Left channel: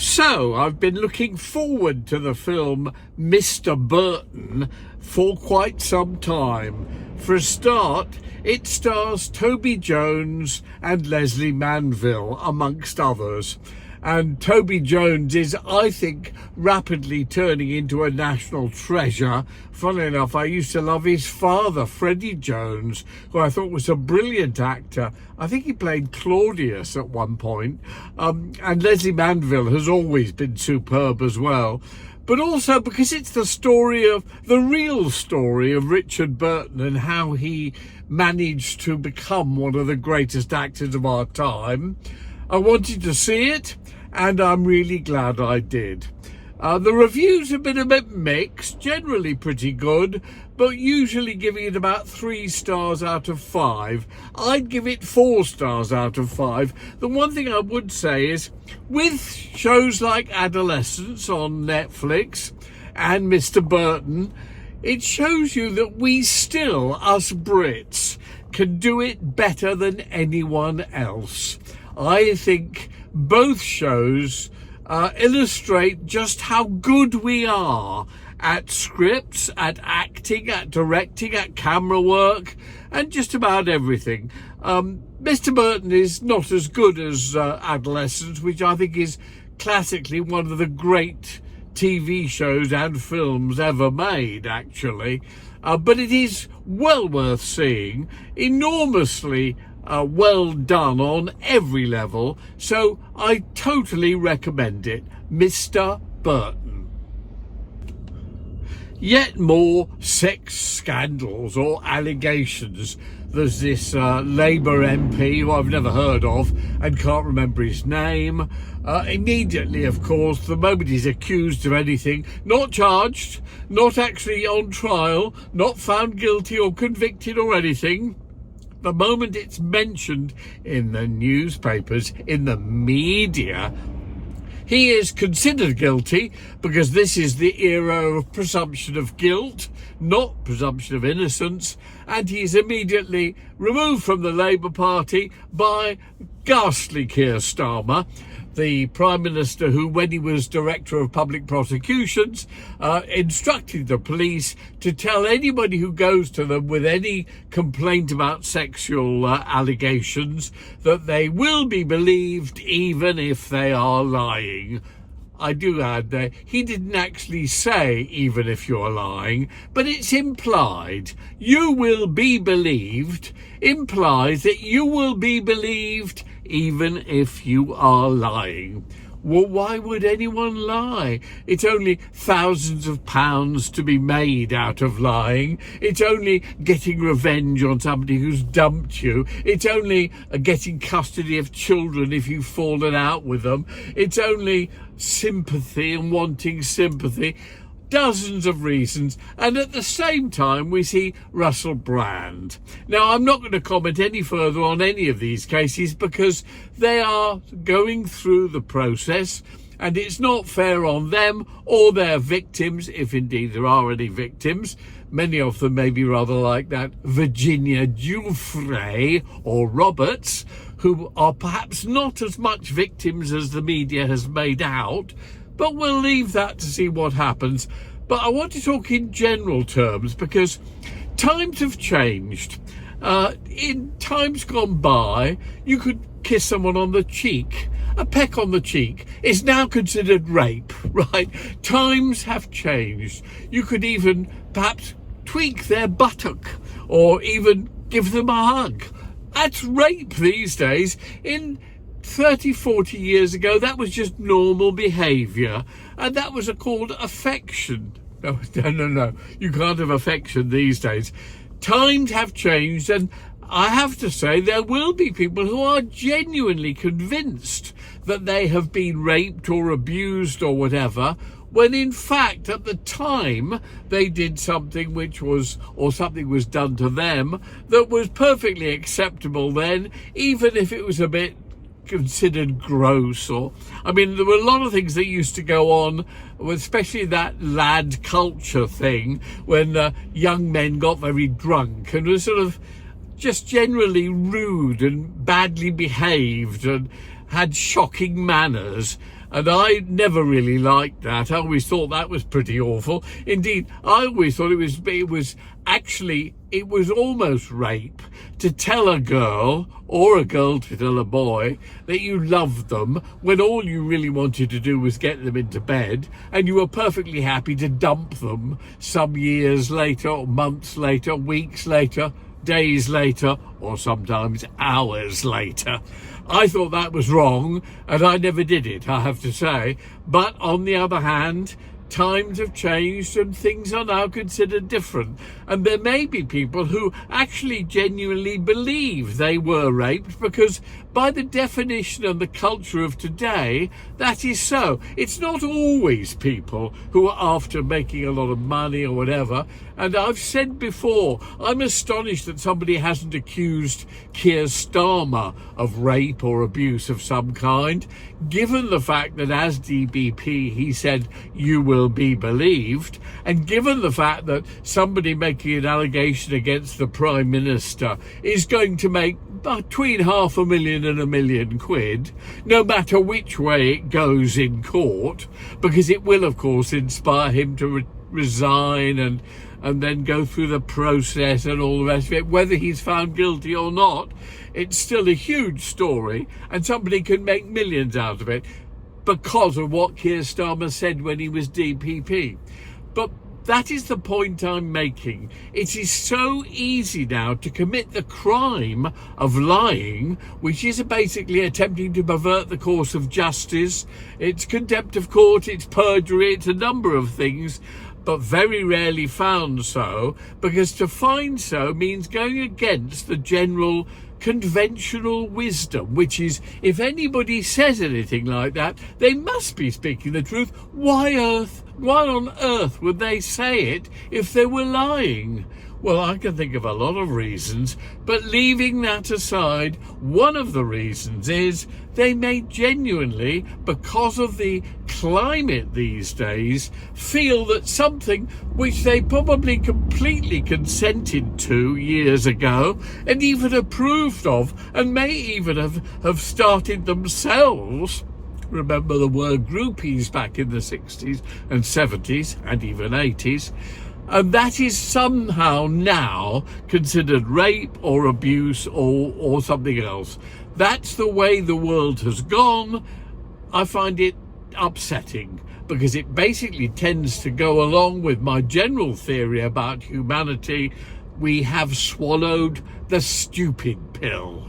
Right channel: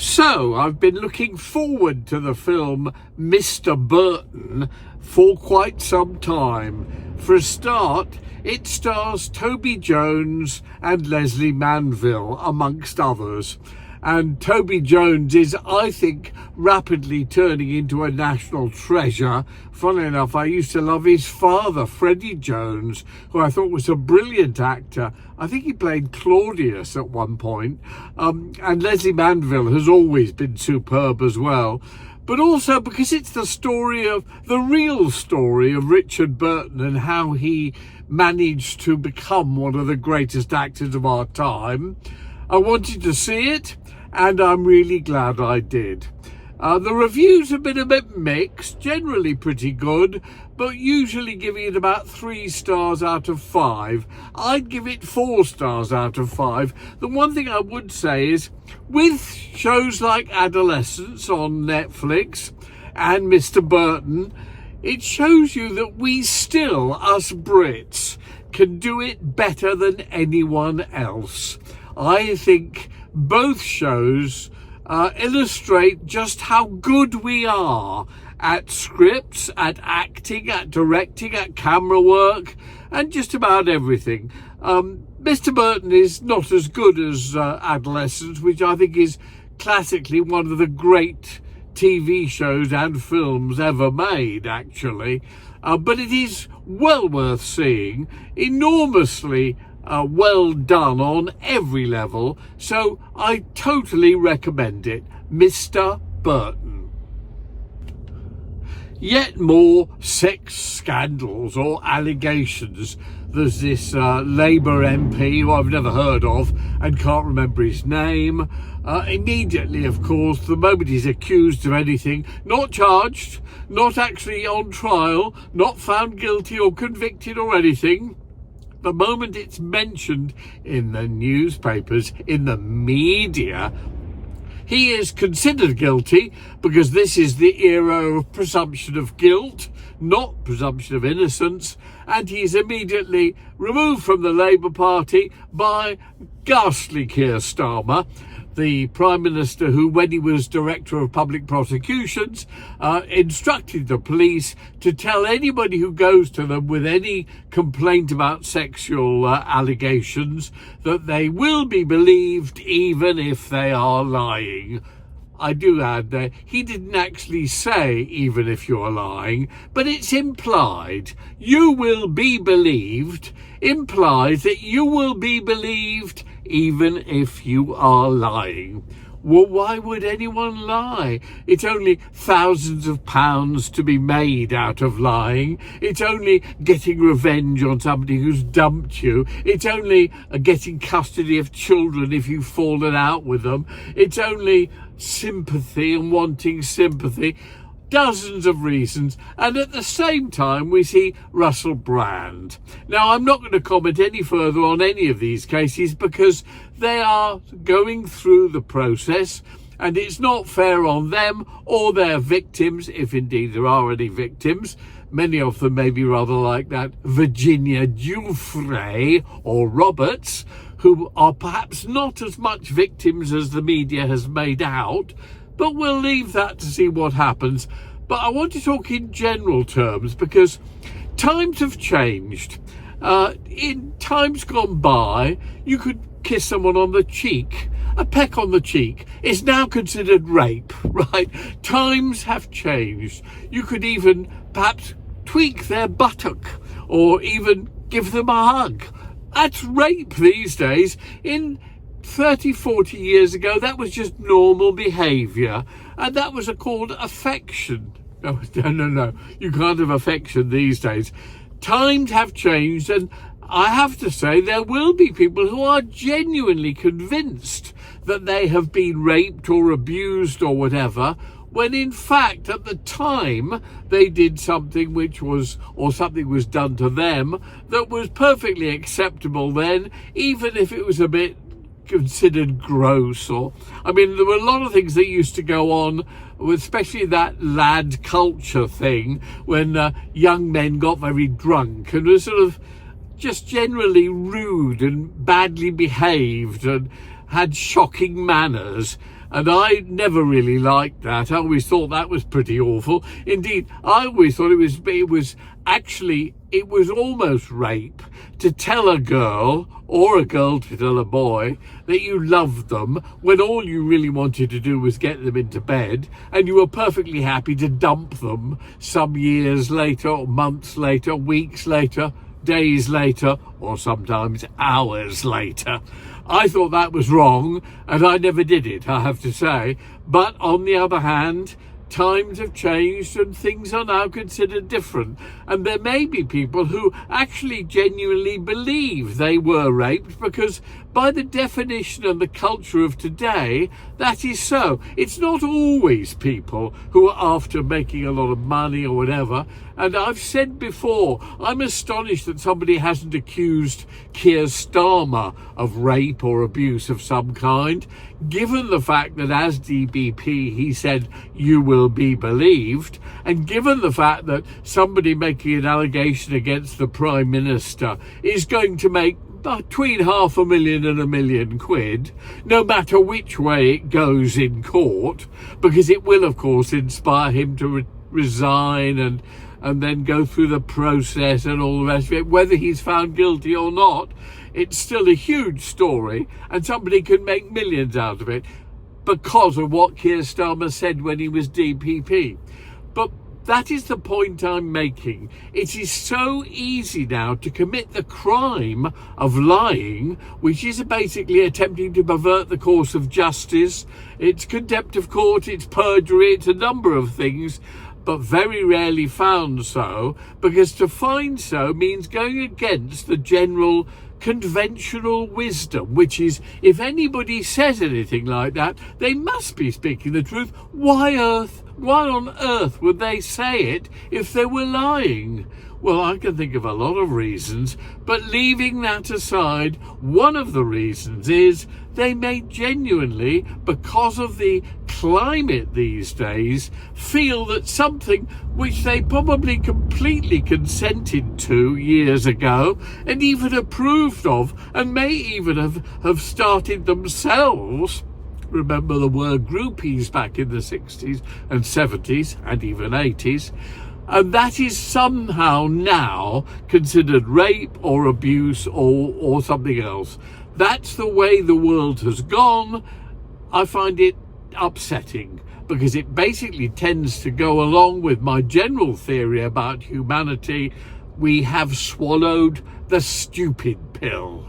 So I've been looking forward to the film Mr. Burton for quite some time. For a start, it stars Toby Jones and Leslie Manville, amongst others. And Toby Jones is, I think, rapidly turning into a national treasure. Funnily enough, I used to love his father, Freddie Jones, who I thought was a brilliant actor. I think he played Claudius at one point. And Leslie Manville has always been superb as well. But also because it's the real story of Richard Burton and how he managed to become one of the greatest actors of our time. I wanted to see it, and I'm really glad I did. The reviews have been a bit mixed, generally pretty good, but usually giving it about 3 stars out of 5. I'd give it 4 stars out of 5. The one thing I would say is, with shows like Adolescence on Netflix and Mr. Burton, it shows you that we still, us Brits, can do it better than anyone else. I think both shows illustrate just how good we are at scripts, at acting, at directing, at camera work, and just about everything. Mr. Burton is not as good as Adolescence, which I think is classically one of the great TV shows and films ever made, actually. But it is well worth seeing, enormously well done on every level, so I totally recommend it. Mr. Burton. Yet more sex scandals or allegations. There's this Labour MP who I've never heard of and can't remember his name. Immediately, of course, the moment he's accused of anything, not charged, not actually on trial, not found guilty or convicted or anything, the moment it's mentioned in the newspapers, in the media, he is considered guilty, because this is the era of presumption of guilt, not presumption of innocence, and he is immediately removed from the Labour Party by ghastly Keir Starmer, the Prime Minister who, when he was Director of Public Prosecutions, instructed the police to tell anybody who goes to them with any complaint about sexual allegations that they will be believed even if they are lying. I do add that he didn't actually say even if you're lying, but it's implied. You will be believed implies that you will be believed even if you are lying. Well, why would anyone lie? It's only thousands of pounds to be made out of lying. It's only getting revenge on somebody who's dumped you. It's only getting custody of children if you've fallen out with them. It's only sympathy and wanting sympathy. Dozens of reasons, and at the same time we see Russell Brand. Now, I'm not going to comment any further on any of these cases because they are going through the process, and it's not fair on them or their victims, if indeed there are any victims. Many of them may be rather like that Virginia Giuffre or Roberts, who are perhaps not as much victims as the media has made out. But we'll leave that to see what happens. But I want to talk in general terms because times have changed. In times gone by, you could kiss someone on the cheek. A peck on the cheek is now considered rape, right? Times have changed. You could even perhaps tweak their buttock or even give them a hug. That's rape these days. In 30, 40 years ago, that was just normal behaviour, and that was called affection. No, you can't have affection these days. Times have changed, and I have to say there will be people who are genuinely convinced that they have been raped or abused or whatever, when in fact at the time they did something something was done to them that was perfectly acceptable then, even if it was a bit considered gross. Or I mean, there were a lot of things that used to go on, especially that lad culture thing, when young men got very drunk and were sort of just generally rude and badly behaved and had shocking manners. And I never really liked that. I always thought that was pretty awful. Indeed, I always thought it was almost rape to tell a girl, or a girl to tell a boy, that you loved them when all you really wanted to do was get them into bed, and you were perfectly happy to dump them some years later, or months later, weeks later, days later, or sometimes hours later. I thought that was wrong, and I never did it, I have to say. But on the other hand, times have changed and things are now considered different. And there may be people who actually genuinely believe they were raped, because by the definition and the culture of today, that is so. It's not always people who are after making a lot of money or whatever. And I've said before, I'm astonished that somebody hasn't accused Keir Starmer of rape or abuse of some kind, given the fact that as DBP he said, "You will be believed," and given the fact that somebody making an allegation against the Prime Minister is going to make between £500,000 and £1 million, no matter which way it goes in court, because it will, of course, inspire him to resign and then go through the process and all the rest of it. Whether he's found guilty or not, it's still a huge story, and somebody can make millions out of it because of what Keir Starmer said when he was DPP. But that is the point I'm making. It is so easy now to commit the crime of lying, which is basically attempting to pervert the course of justice. It's contempt of court, it's perjury, it's a number of things, but very rarely found so, because to find so means going against the general conventional wisdom, which is, if anybody says anything like that, they must be speaking the truth. Why on earth would they say it if they were lying? Well, I can think of a lot of reasons, but leaving that aside, one of the reasons is they may genuinely, because of the climate these days, feel that something which they probably completely consented to years ago and even approved of, and may even have started themselves. Remember the word groupies back in the 60s and 70s and even 80s. And that is somehow now considered rape or abuse or something else. That's the way the world has gone. I find it upsetting, because it basically tends to go along with my general theory about humanity. We have swallowed the stupid pill.